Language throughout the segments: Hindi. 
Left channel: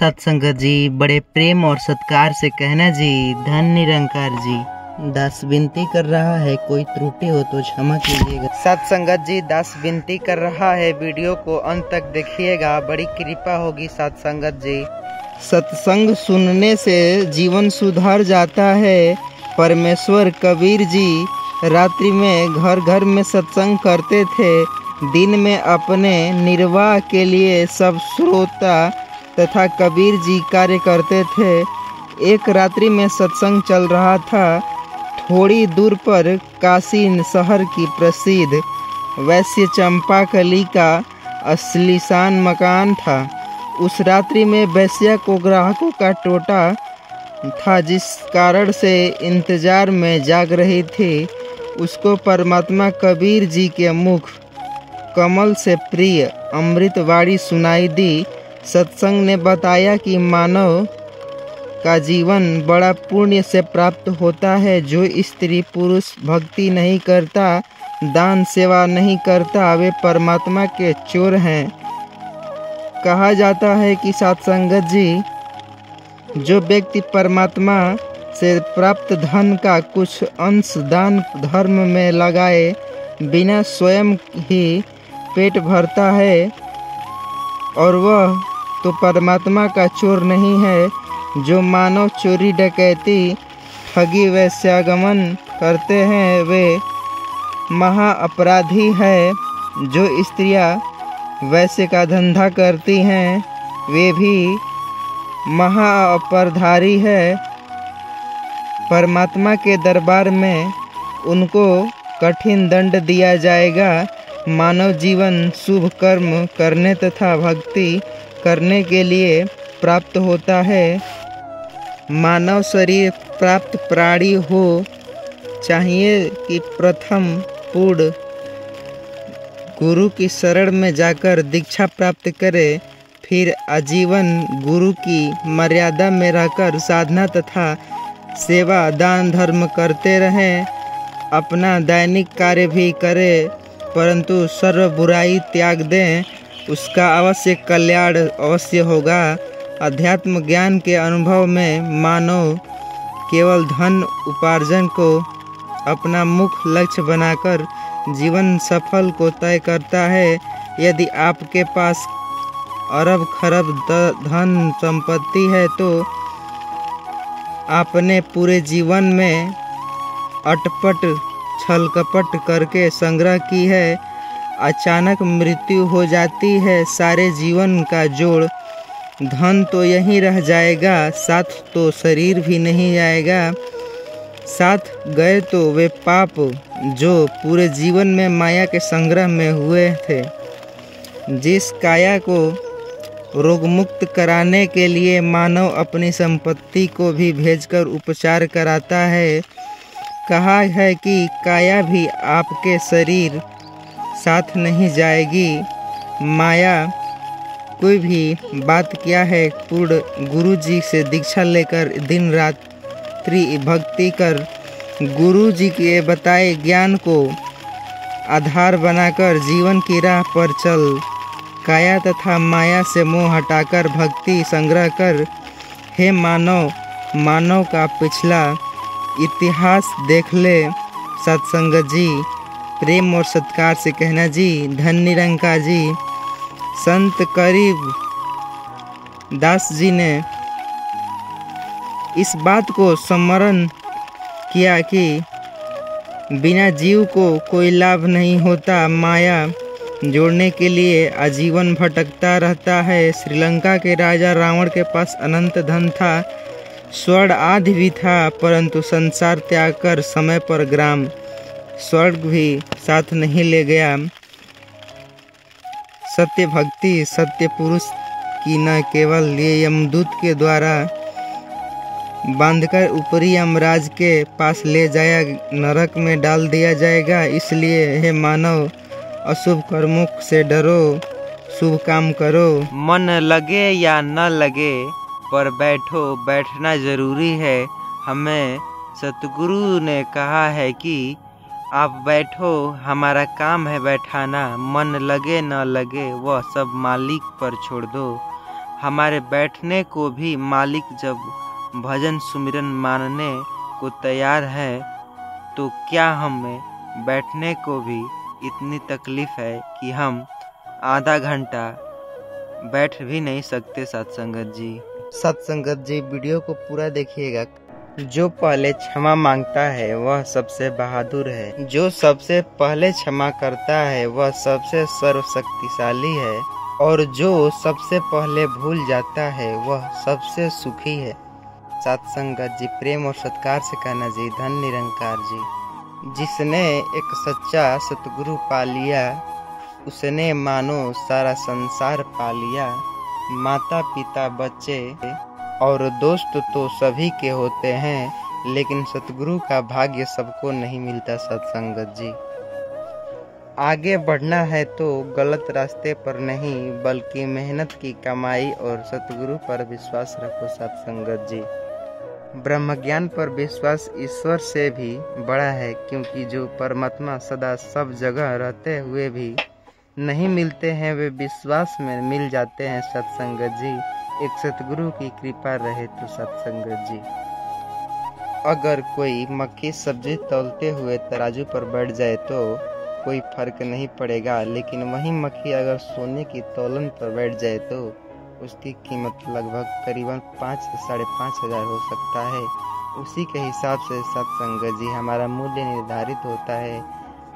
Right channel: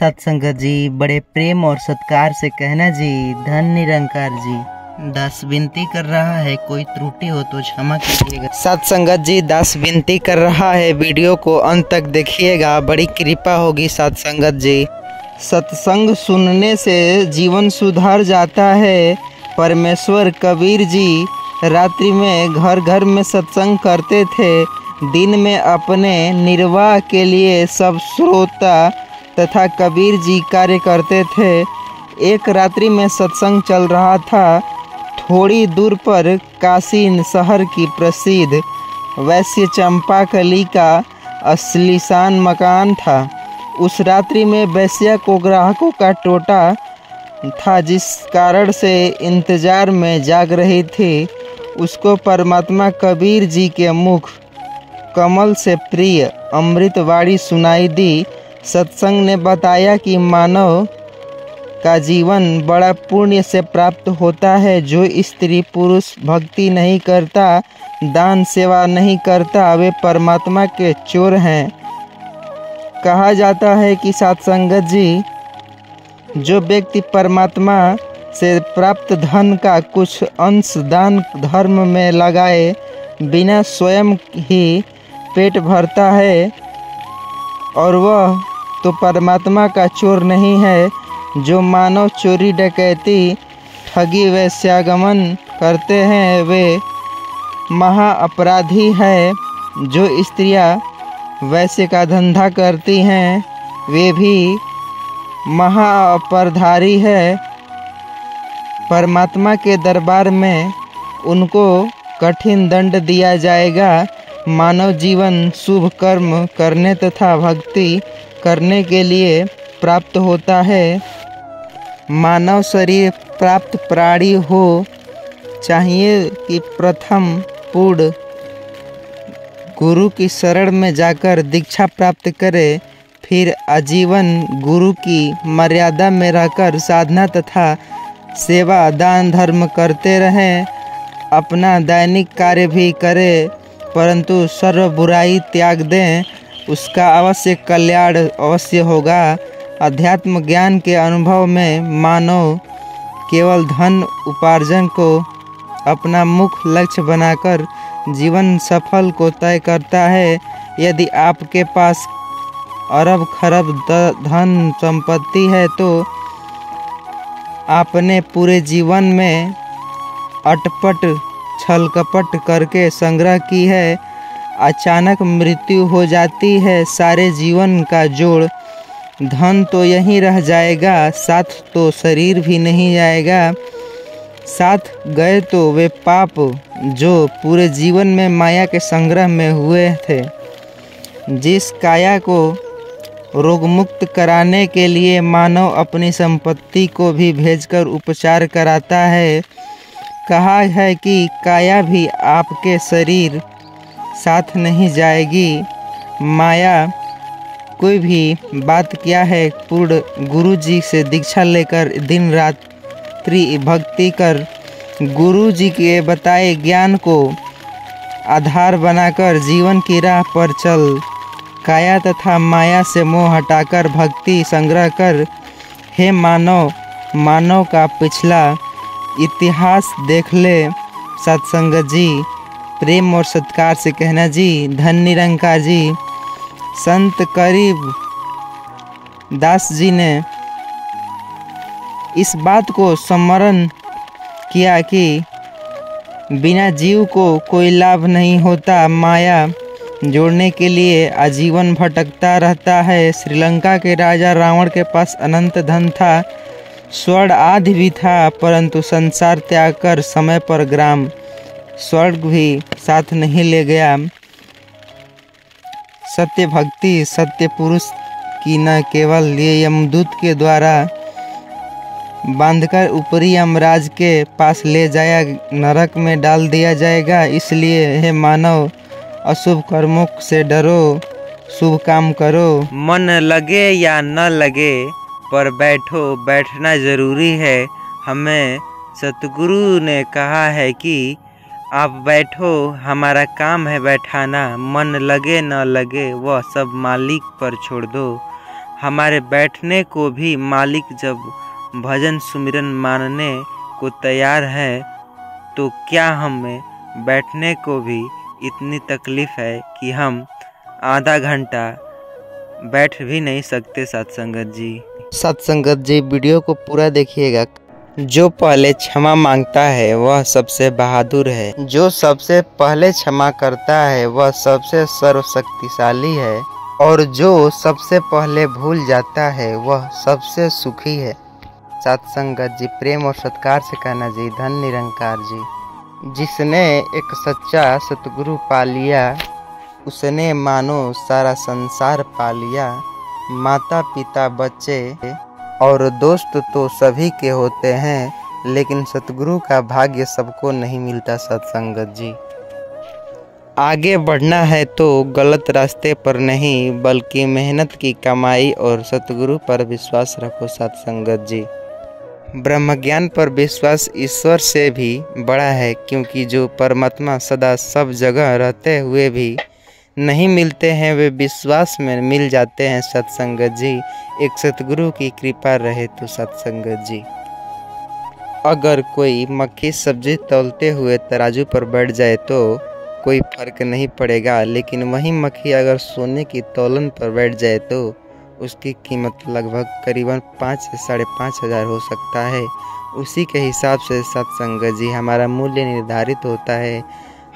सत्संगत जी, बड़े प्रेम और सत्कार से कहना जी, धन निरंकार जी। दास विनती कर रहा है, कोई त्रुटि हो तो क्षमा कीजिएगा। सत्संगत जी, दास विनती कर रहा है, वीडियो को अंत तक देखिएगा, बड़ी कृपा होगी सत्संगत जी। सत्संग सुनने से जीवन सुधर जाता है। परमेश्वर कबीर जी रात्रि में घर घर में सत्संग करते थे। दिन में अपने निर्वाह के लिए सब श्रोता तथा कबीर जी कार्य करते थे। एक रात्रि में सत्संग चल रहा था। थोड़ी दूर पर काशी शहर की प्रसिद्ध वैश्य चंपाकली का आलीशान मकान था। उस रात्रि में वैश्या को ग्राहकों का टोटा था, जिस कारण से इंतजार में जाग रही थी। उसको परमात्मा कबीर जी के मुख कमल से प्रिय अमृतवाणी सुनाई दी। सत्संग ने बताया कि मानव का जीवन बड़ा पुण्य से प्राप्त होता है। जो स्त्री पुरुष भक्ति नहीं करता, दान सेवा नहीं करता, वे परमात्मा के चोर हैं। कहा जाता है कि सत्संगत जी, जो व्यक्ति परमात्मा से प्राप्त धन का कुछ अंश दान धर्म में लगाए बिना स्वयं ही पेट भरता है, और वह तो परमात्मा का चोर नहीं है। जो मानव चोरी डकैती ठगी वैश्यागमन करते हैं, वे महा अपराधी है। जो स्त्रियां वैश्य का धंधा करती हैं, वे भी महा अपराधी है। परमात्मा के दरबार में उनको कठिन दंड दिया जाएगा। मानव जीवन शुभ कर्म करने तथा भक्ति करने के लिए प्राप्त होता है। मानव शरीर प्राप्त प्राणी हो चाहिए कि प्रथम पूर्ण गुरु की शरण में जाकर दीक्षा प्राप्त करे, फिर आजीवन गुरु की मर्यादा में रहकर साधना तथा सेवा दान धर्म करते रहें। अपना दैनिक कार्य भी करें, परंतु सर्व बुराई त्याग दें, उसका अवश्य कल्याण अवश्य होगा। अध्यात्म ज्ञान के अनुभव में मानव केवल धन उपार्जन को अपना मुख्य लक्ष्य बनाकर जीवन सफल को तय करता है। यदि आपके पास अरब खरब धन संपत्ति है, तो आपने पूरे जीवन में अटपट छल कपट करके संग्रह की है। अचानक मृत्यु हो जाती है, सारे जीवन का जोड़ धन तो यहीं रह जाएगा, साथ तो शरीर भी नहीं जाएगा। साथ गए तो वे पाप जो पूरे जीवन में माया के संग्रह में हुए थे। जिस काया को रोगमुक्त कराने के लिए मानव अपनी संपत्ति को भी भेजकर उपचार कराता है। कहा है कि काया भी आपके शरीर साथ नहीं जाएगी। माया कोई भी बात क्या है, पूर्ण गुरु जी से दीक्षा लेकर दिन रात्रि भक्ति कर गुरु जी के बताए ज्ञान को आधार बनाकर जीवन की राह पर चल। काया तथा माया से मोह हटाकर भक्ति संग्रह कर। हे मानव, मानव का पिछला इतिहास देख ले। सत्संगत जी, प्रेम और सत्कार से कहना जी, धन निरंकार जी। संत करीब दास जी ने इस बात को स्मरण किया कि बिना जीव को कोई लाभ नहीं होता। माया जोड़ने के लिए आजीवन भटकता रहता है। श्रीलंका के राजा रावण के पास अनंत धन था, स्वर्ण आदि भी था, परंतु संसार त्याग कर समय पर ग्राम स्वर्ग भी साथ नहीं ले गया। सत्य भक्ति सत्य पुरुष की न केवल ये यमदूत के द्वारा बांधकर ऊपरी यमराज के पास ले जाया नरक में डाल दिया जाएगा। इसलिए हे मानव, अशुभ कर्मों से डरो, शुभ काम करो। मन लगे या न लगे, पर बैठना जरूरी है। हमें सतगुरु ने कहा है कि आप बैठो, हमारा काम है बैठाना। मन लगे न लगे, वह सब मालिक पर छोड़ दो। हमारे बैठने को भी मालिक जब भजन सुमिरन मानने को तैयार है, तो क्या हमें बैठने को भी इतनी तकलीफ है कि हम आधा घंटा बैठ भी नहीं सकते। सत्संगत जी, सत्संगत जी, वीडियो को पूरा देखिएगा। जो पहले क्षमा मांगता है वह सबसे बहादुर है। जो सबसे पहले क्षमा करता है वह सबसे सर्वशक्तिशाली है। और जो सबसे पहले भूल जाता है वह सबसे सुखी है। सत्संगत जी, प्रेम और सत्कार से कहना जी, धन निरंकार जी। जिसने एक सच्चा सतगुरु पा लिया, उसने मानो सारा संसार पा लिया। माता पिता बच्चे और दोस्त तो सभी के होते हैं, लेकिन सतगुरु का भाग्य सबको नहीं मिलता। सत्संगत जी, आगे बढ़ना है तो गलत रास्ते पर नहीं, बल्कि मेहनत की कमाई और सतगुरु पर विश्वास रखो। सत्संगत जी, ब्रह्म ज्ञान पर विश्वास ईश्वर से भी बड़ा है, क्योंकि जो परमात्मा सदा सब जगह रहते हुए भी नहीं मिलते हैं, वे विश्वास में मिल जाते हैं। सत्संगत जी, एक सतगुरु की कृपा रहे तो। सत्संगत जी, अगर कोई मक्खी सब्जी तौलते हुए तराजू पर बैठ जाए तो कोई फर्क नहीं पड़ेगा, लेकिन वही मक्खी अगर सोने की तौलन पर बैठ जाए तो उसकी कीमत लगभग करीबन 5 से 5.5 हज़ार हो सकता है। उसी के हिसाब से सत्संगत जी, हमारा मूल्य निर्धारित होता है।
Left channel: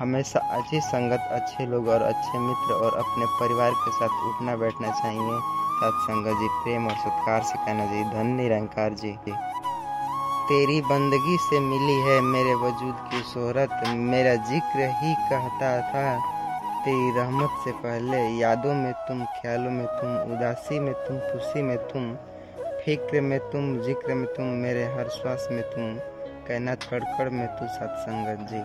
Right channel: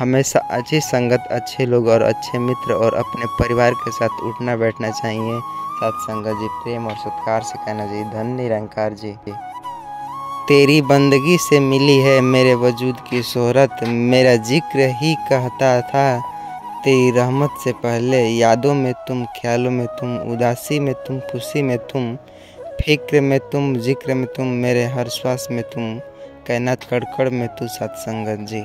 हमेशा अच्छी संगत, अच्छे लोग और अच्छे मित्र और अपने परिवार के साथ उठना बैठना चाहिए। सत्संगत जी, प्रेम और सत्कार से कहना जी, धन निरंकार जी। तेरी बंदगी से मिली है मेरे वजूद की शोहरत, मेरा जिक्र ही कहता था तेरी रहमत से पहले। यादों में तुम, ख्यालों में तुम, उदासी में तुम, खुशी में तुम, फिक्र में तुम, जिक्र में तुम, मेरे हर श्वास में तुम, कायनात कड़कड़ में तू। सत्संगत जी,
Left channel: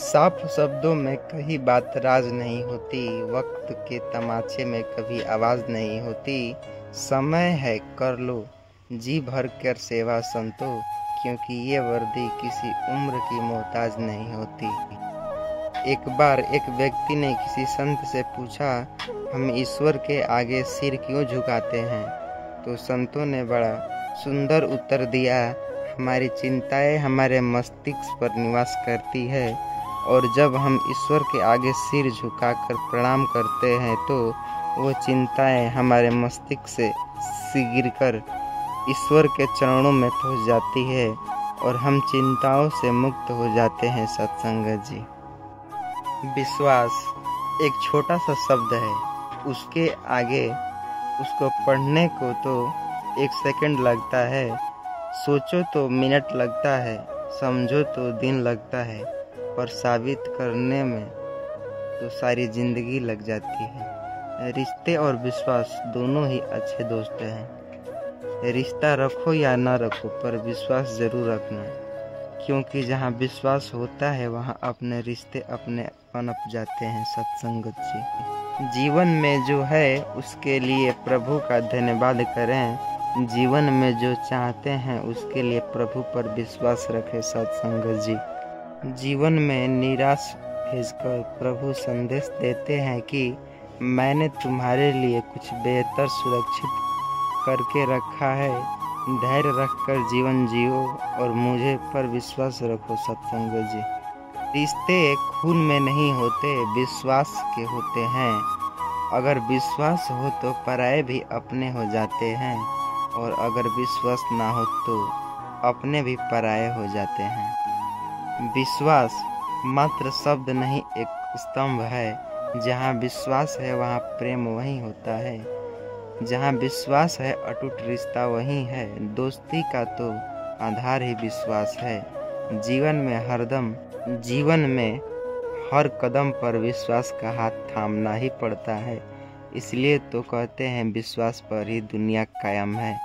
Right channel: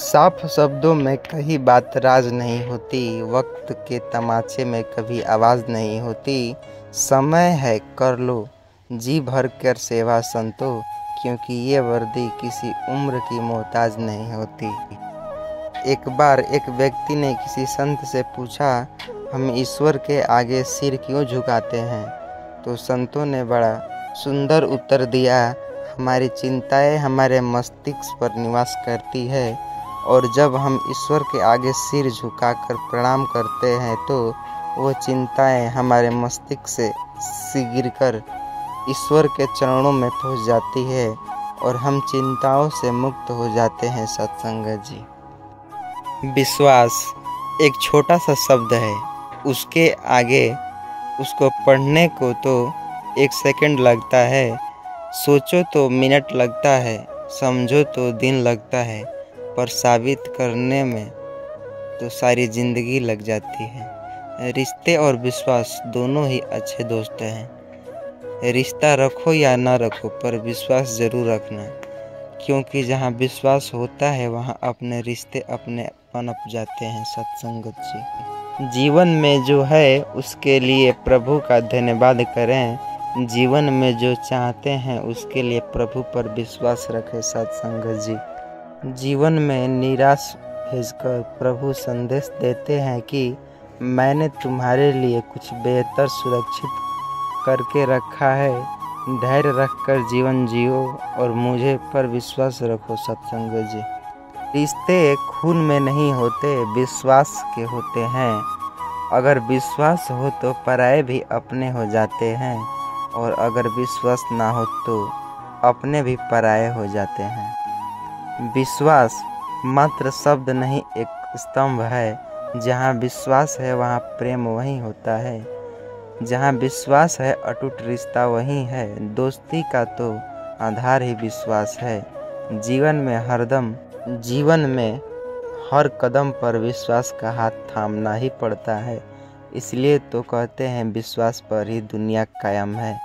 साफ शब्दों में कहीं बात राज नहीं होती, वक्त के तमाचे में कभी आवाज़ नहीं होती। समय है कर लो जी भर कर सेवा संतो, क्योंकि ये वर्दी किसी उम्र की मोहताज नहीं होती। एक बार एक व्यक्ति ने किसी संत से पूछा, हम ईश्वर के आगे सिर क्यों झुकाते हैं? तो संतों ने बड़ा सुंदर उत्तर दिया, हमारी चिंताएं हमारे मस्तिष्क पर निवास करती है, और जब हम ईश्वर के आगे सिर झुकाकर प्रणाम करते हैं तो वो चिंताएं हमारे मस्तिष्क से गिरकर ईश्वर के चरणों में पहुंच जाती है और हम चिंताओं से मुक्त हो जाते हैं। सत्संगत जी, विश्वास एक छोटा सा शब्द है, उसके आगे उसको पढ़ने को तो 1 सेकंड लगता है, सोचो तो मिनट लगता है, समझो तो दिन लगता है, पर साबित करने में तो सारी जिंदगी लग जाती है। रिश्ते और विश्वास दोनों ही अच्छे दोस्त हैं। रिश्ता रखो या ना रखो, पर विश्वास ज़रूर रखना, क्योंकि जहाँ विश्वास होता है वहाँ अपने रिश्ते अपने पनप जाते हैं। सत्संगत जी, जीवन में जो है उसके लिए प्रभु का धन्यवाद करें, जीवन में जो चाहते हैं उसके लिए प्रभु पर विश्वास रखें। सत्संगत जी, जीवन में निराश भेजकर प्रभु संदेश देते हैं कि मैंने तुम्हारे लिए कुछ बेहतर सुरक्षित करके रखा है, धैर्य रखकर जीवन जियो और मुझे पर विश्वास रखो। सत्संगत जी, रिश्ते खून में नहीं होते, विश्वास के होते हैं। अगर विश्वास हो तो पराये भी अपने हो जाते हैं, और अगर विश्वास ना हो तो अपने भी पराये हो जाते हैं। विश्वास मात्र शब्द नहीं, एक स्तंभ है। जहाँ विश्वास है वहाँ प्रेम वहीं होता है, जहाँ विश्वास है अटूट रिश्ता वहीं है। दोस्ती का तो आधार ही विश्वास है। जीवन में हर कदम पर विश्वास का हाथ थामना ही पड़ता है। इसलिए तो कहते हैं विश्वास पर ही दुनिया कायम है।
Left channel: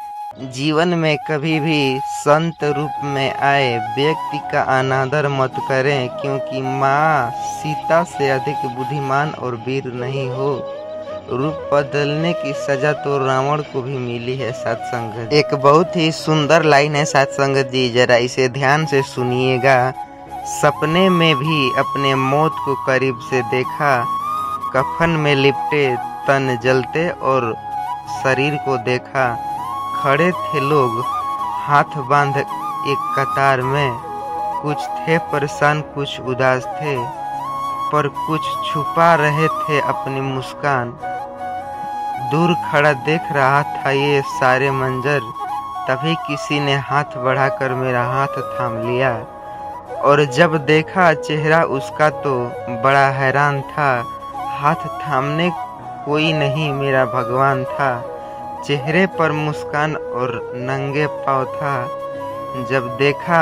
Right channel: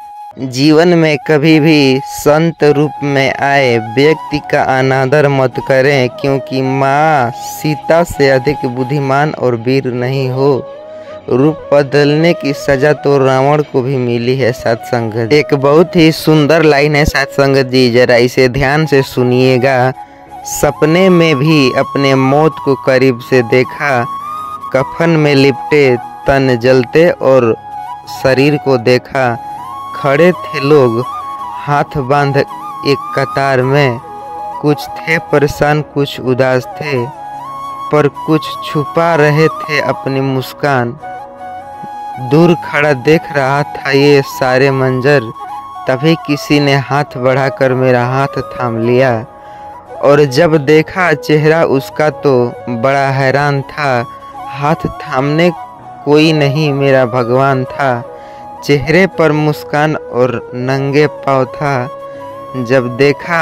जीवन में कभी भी संत रूप में आए व्यक्ति का अनादर मत करें, क्योंकि माँ सीता से अधिक बुद्धिमान और वीर नहीं हो। रूप बदलने की सजा तो रावण को भी मिली है। सत्संगत, एक बहुत ही सुंदर लाइन है सत्संगत जी, जरा इसे ध्यान से सुनिएगा। सपने में भी अपने मौत को करीब से देखा, कफन में लिपटे तन जलते और शरीर को देखा। खड़े थे लोग हाथ बांध एक कतार में, कुछ थे परेशान कुछ उदास थे, पर कुछ छुपा रहे थे अपनी मुस्कान। दूर खड़ा देख रहा था ये सारे मंजर, तभी किसी ने हाथ बढ़ाकर मेरा हाथ थाम लिया, और जब देखा चेहरा उसका तो बड़ा हैरान था। हाथ थामने कोई नहीं मेरा भगवान था, चेहरे पर मुस्कान और नंगे पाँव था। जब देखा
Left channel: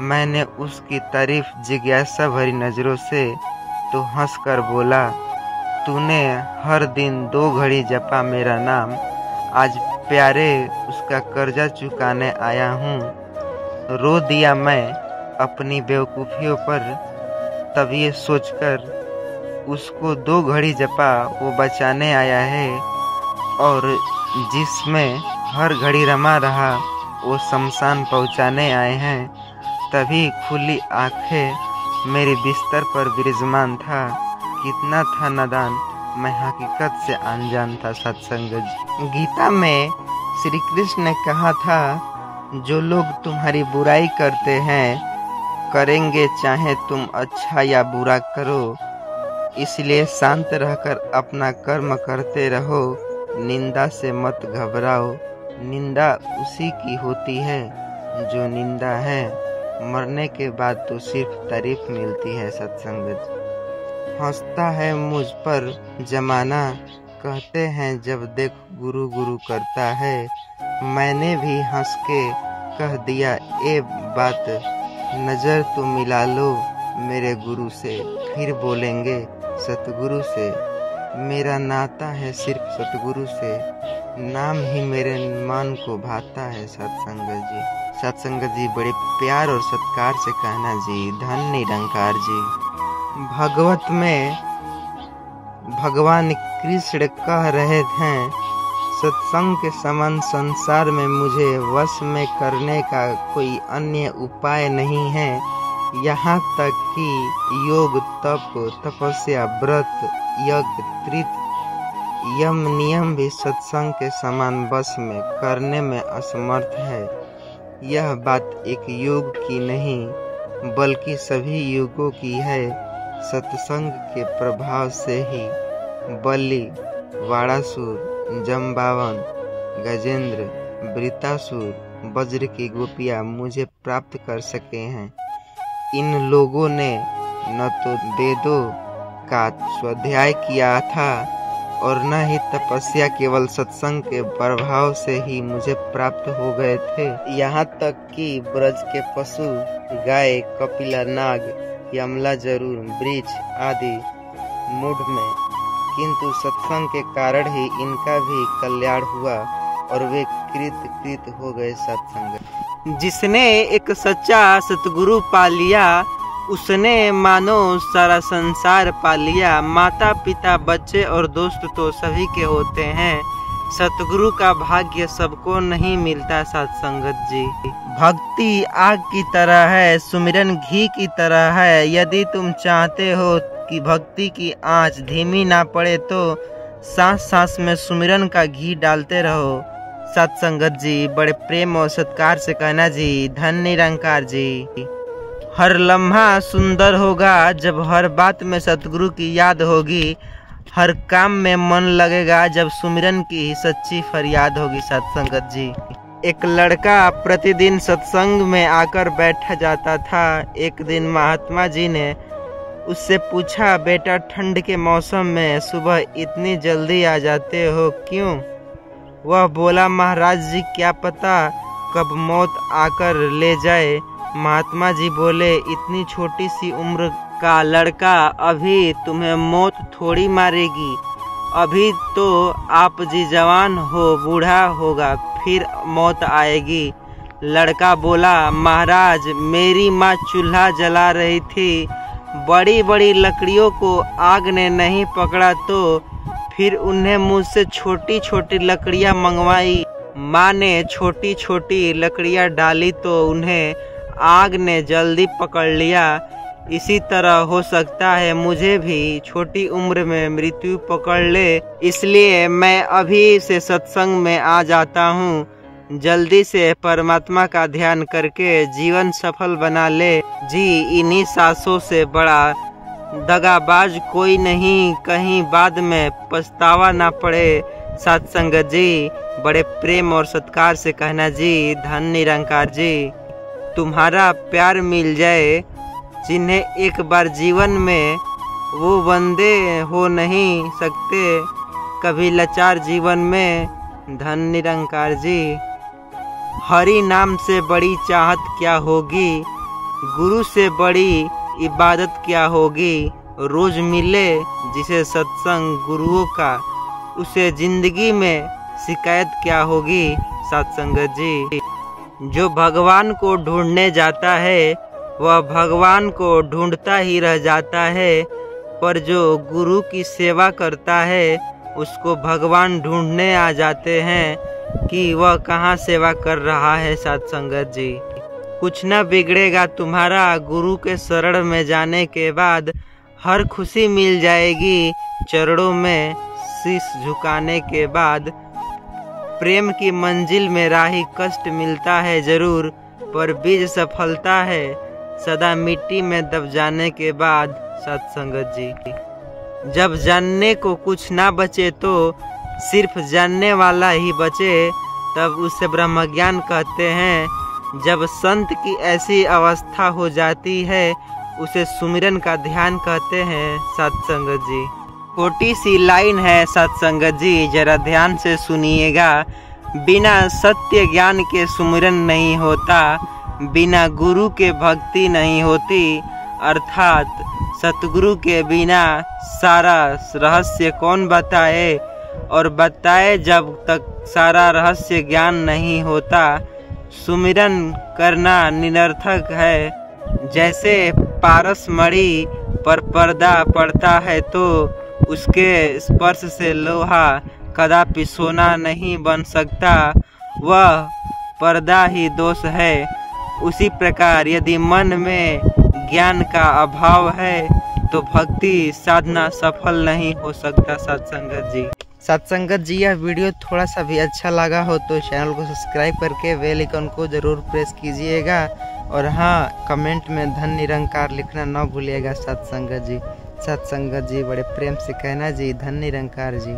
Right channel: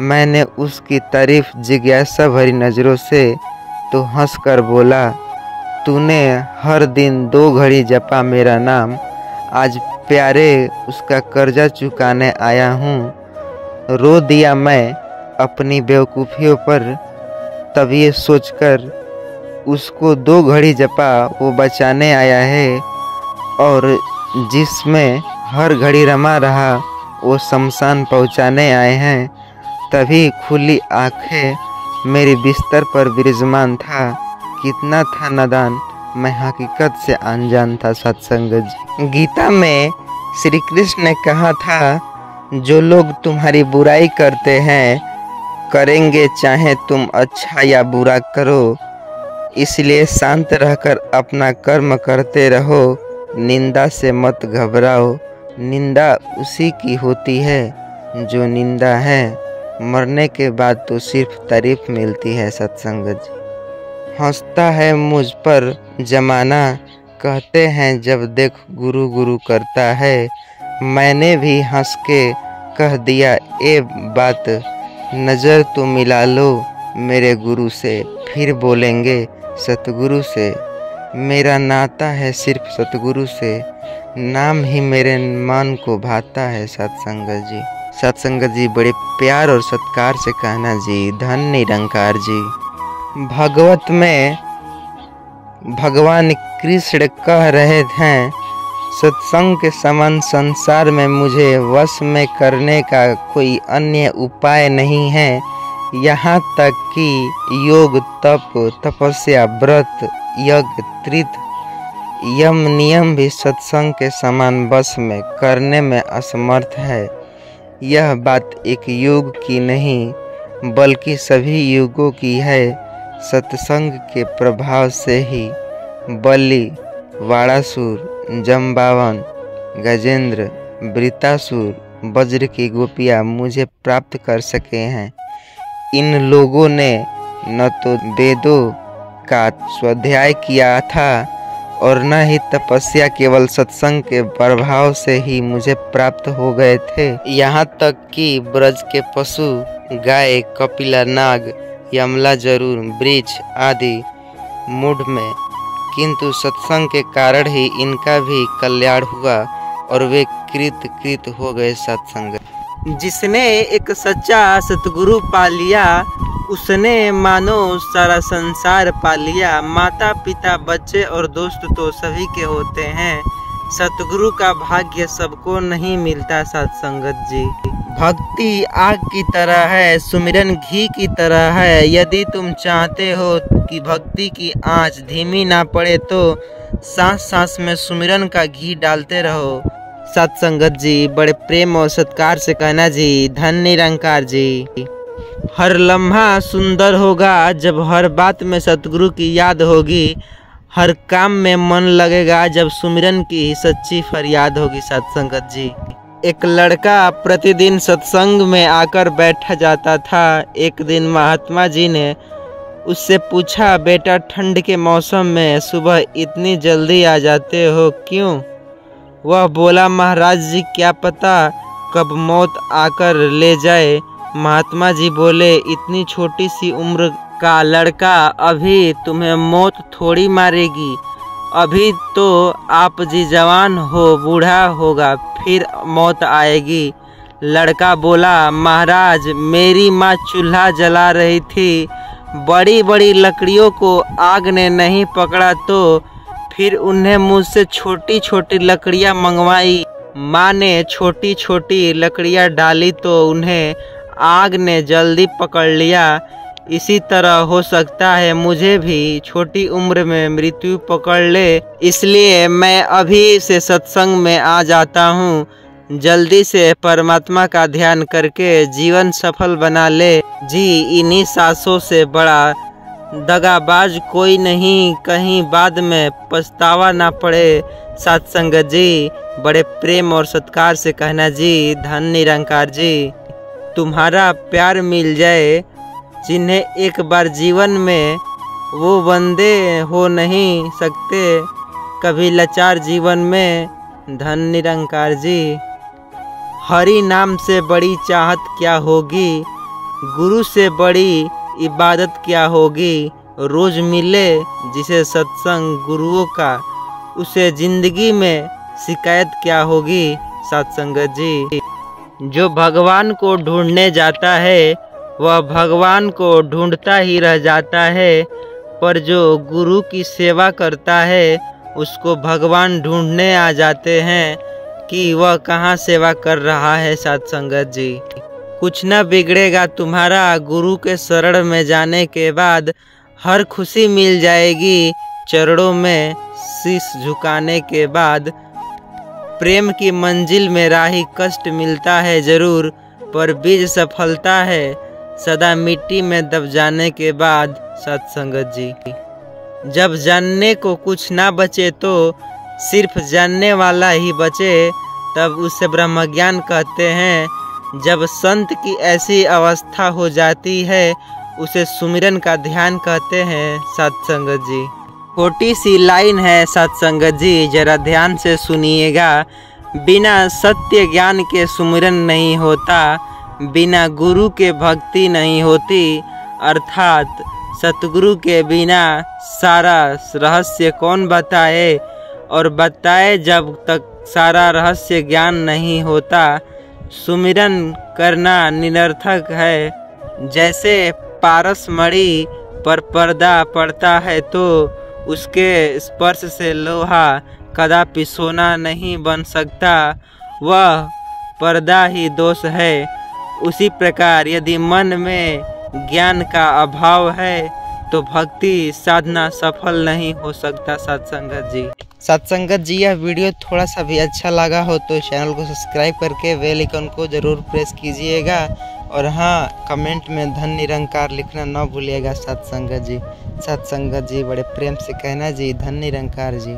मैंने उसकी तारीफ जिज्ञासा भरी नज़रों से, तो हंसकर बोला, तूने हर दिन 2 घड़ी जपा मेरा नाम, आज प्यारे उसका कर्जा चुकाने आया हूँ। रो दिया मैं अपनी बेवकूफ़ियों पर, तब ये सोचकर उसको 2 घड़ी जपा वो बचाने आया है, और जिसमें हर घड़ी रमा रहा वो शमशान पहुँचाने आए हैं। तभी खुली आंखें मेरी बिस्तर पर विराजमान था। कितना था नादान, मैं हकीकत से अनजान था। सत्संग गीता में श्री कृष्ण ने कहा था, जो लोग तुम्हारी बुराई करते हैं करेंगे, चाहे तुम अच्छा या बुरा करो, इसलिए शांत रहकर अपना कर्म करते रहो, निंदा से मत घबराओ। निंदा उसी की होती है जो निंदा है, मरने के बाद तो सिर्फ तारीफ मिलती है। सत्संग हंसता है मुझ पर जमाना, कहते हैं जब देख गुरु गुरु करता है। मैंने भी हंस के कह दिया ए बात, नज़र तो मिला लो मेरे गुरु से, फिर बोलेंगे सतगुरु से। मेरा नाता है सिर्फ सतगुरु से, नाम ही मेरे मन को भाता है। सत्संग जी बड़े प्यार और सत्कार से कहना जी, धन निरंकार जी। भागवत में भगवान कृष्ण कह रहे हैं, सत्संग के समान संसार में मुझे वश में करने का कोई अन्य उपाय नहीं है। यहाँ तक कि योग, तप, तपस्या, व्रत, यज्ञ, त्रित, यम, नियम भी सत्संग के समान वश में करने में असमर्थ है। यह बात एक युग की नहीं बल्कि सभी युगों की है। सत्संग के प्रभाव से ही बलि, वाड़ासुर, जम्बावन, गजेंद्र, वृतासुर, वज्र की गोपियाँ मुझे प्राप्त कर सके हैं। इन लोगों ने न तो वेदों का स्वाध्याय किया था और न ही तपस्या, केवल सत्संग के प्रभाव से ही मुझे प्राप्त हो गए थे। यहाँ तक कि ब्रज के पशु, गाय, कपिला, नाग, यमला जरूर, वृक्ष आदि मूढ़ में, किंतु सत्संग के कारण ही इनका भी कल्याण हुआ और वे कृत हो गए। सत्संग जिसने एक सच्चा सतगुरु पा लिया, उसने मानो सारा संसार पा लिया। माता पिता, बच्चे और दोस्त तो सभी के होते हैं, सतगुरु का भाग्य सबको नहीं मिलता। सत्संगत जी, भक्ति आग की तरह है, सुमिरन घी की तरह है। यदि तुम चाहते हो कि भक्ति की आंच धीमी ना पड़े तो सांस सांस में सुमिरन का घी डालते रहो। सत्संगत जी बड़े प्रेम और सत्कार से कहना जी, धन निरंकार जी। हर लम्हा सुंदर होगा जब हर बात में सतगुरु की याद होगी, हर काम में मन लगेगा जब सुमिरन की सच्ची फरियाद होगी। सत्संगत जी, एक लड़का प्रतिदिन सत्संग में आकर बैठ जाता था। एक दिन महात्मा जी ने उससे पूछा, बेटा ठंड के मौसम में सुबह इतनी जल्दी आ जाते हो क्यों? वह बोला, महाराज जी क्या पता कब मौत आकर ले जाए। महात्मा जी बोले, इतनी छोटी सी उम्र का लड़का, अभी तुम्हें मौत थोड़ी मारेगी, अभी तो आप जी जवान हो, बूढ़ा होगा फिर मौत आएगी। लड़का बोला, महाराज मेरी माँ चूल्हा जला रही थी, बड़ी बड़ी लकड़ियों को आग ने नहीं पकड़ा तो फिर उन्हें मुझसे छोटी छोटी लकड़ियाँ मंगवाई। माँ ने छोटी छोटी लकड़ियाँ डाली तो उन्हें आग ने जल्दी पकड़ लिया। इसी तरह हो सकता है मुझे भी छोटी उम्र में मृत्यु पकड़ ले, इसलिए मैं अभी से सत्संग में आ जाता हूँ। जल्दी से परमात्मा का ध्यान करके जीवन सफल बना ले जी। इन्हीं सांसों से बड़ा दगाबाज कोई नहीं, कहीं बाद में पछतावा ना पड़े। साथ संगत जी, बड़े प्रेम और सत्कार से कहना जी, धन निरंकार जी। तुम्हारा प्यार मिल जाए जिन्हें एक बार जीवन में वो बंदे हो नहीं सकते कभी लाचार जीवन में, धन निरंकार जी। हरि नाम से बड़ी चाहत क्या होगी, गुरु से बड़ी इबादत क्या होगी। रोज मिले जिसे सत्संग गुरुओं का, उसे जिंदगी में शिकायत क्या होगी। सत्संगत जी, जो भगवान को ढूंढने जाता है वह भगवान को ढूंढता ही रह जाता है, पर जो गुरु की सेवा करता है उसको भगवान ढूंढने आ जाते हैं कि वह कहाँ सेवा कर रहा है। सत्संगत जी, कुछ न बिगड़ेगा तुम्हारा गुरु के शरण में जाने के बाद, हर खुशी मिल जाएगी चरणों में शीश झुकाने के बाद। प्रेम की मंजिल में राही कष्ट मिलता है जरूर, पर बीज सफलता है सदा मिट्टी में दब जाने के बाद। सत्संगत जी, जब जानने को कुछ ना बचे तो सिर्फ जानने वाला ही बचे, तब उसे ब्रह्मज्ञान कहते हैं। जब संत की ऐसी अवस्था हो जाती है उसे सुमिरन का ध्यान कहते हैं। सत्संगत जी, छोटी सी लाइन है सत्संगत जी, जरा ध्यान से सुनिएगा। बिना सत्य ज्ञान के सुमिरन नहीं होता, बिना गुरु के भक्ति नहीं होती, अर्थात सतगुरु के बिना सारा रहस्य कौन बताए, और बताए जब तक सारा रहस्य ज्ञान नहीं होता। सुमिरन करना निरर्थक है। जैसे पारस मणि पर पर्दा पड़ता है तो उसके स्पर्श से लोहा कदापि सोना नहीं बन सकता, वह पर्दा ही दोष है। उसी प्रकार यदि मन में ज्ञान का अभाव है तो भक्ति साधना सफल नहीं हो सकता। सत्संगत जी, सत्संगत जी, यह वीडियो थोड़ा सा भी अच्छा लगा हो तो चैनल को सब्सक्राइब करके बेल आइकन को ज़रूर प्रेस कीजिएगा, और हाँ, कमेंट में धन निरंकार लिखना ना भूलिएगा। सत्संगत जी, बड़े प्रेम से कहना जी, धन निरंकार जी।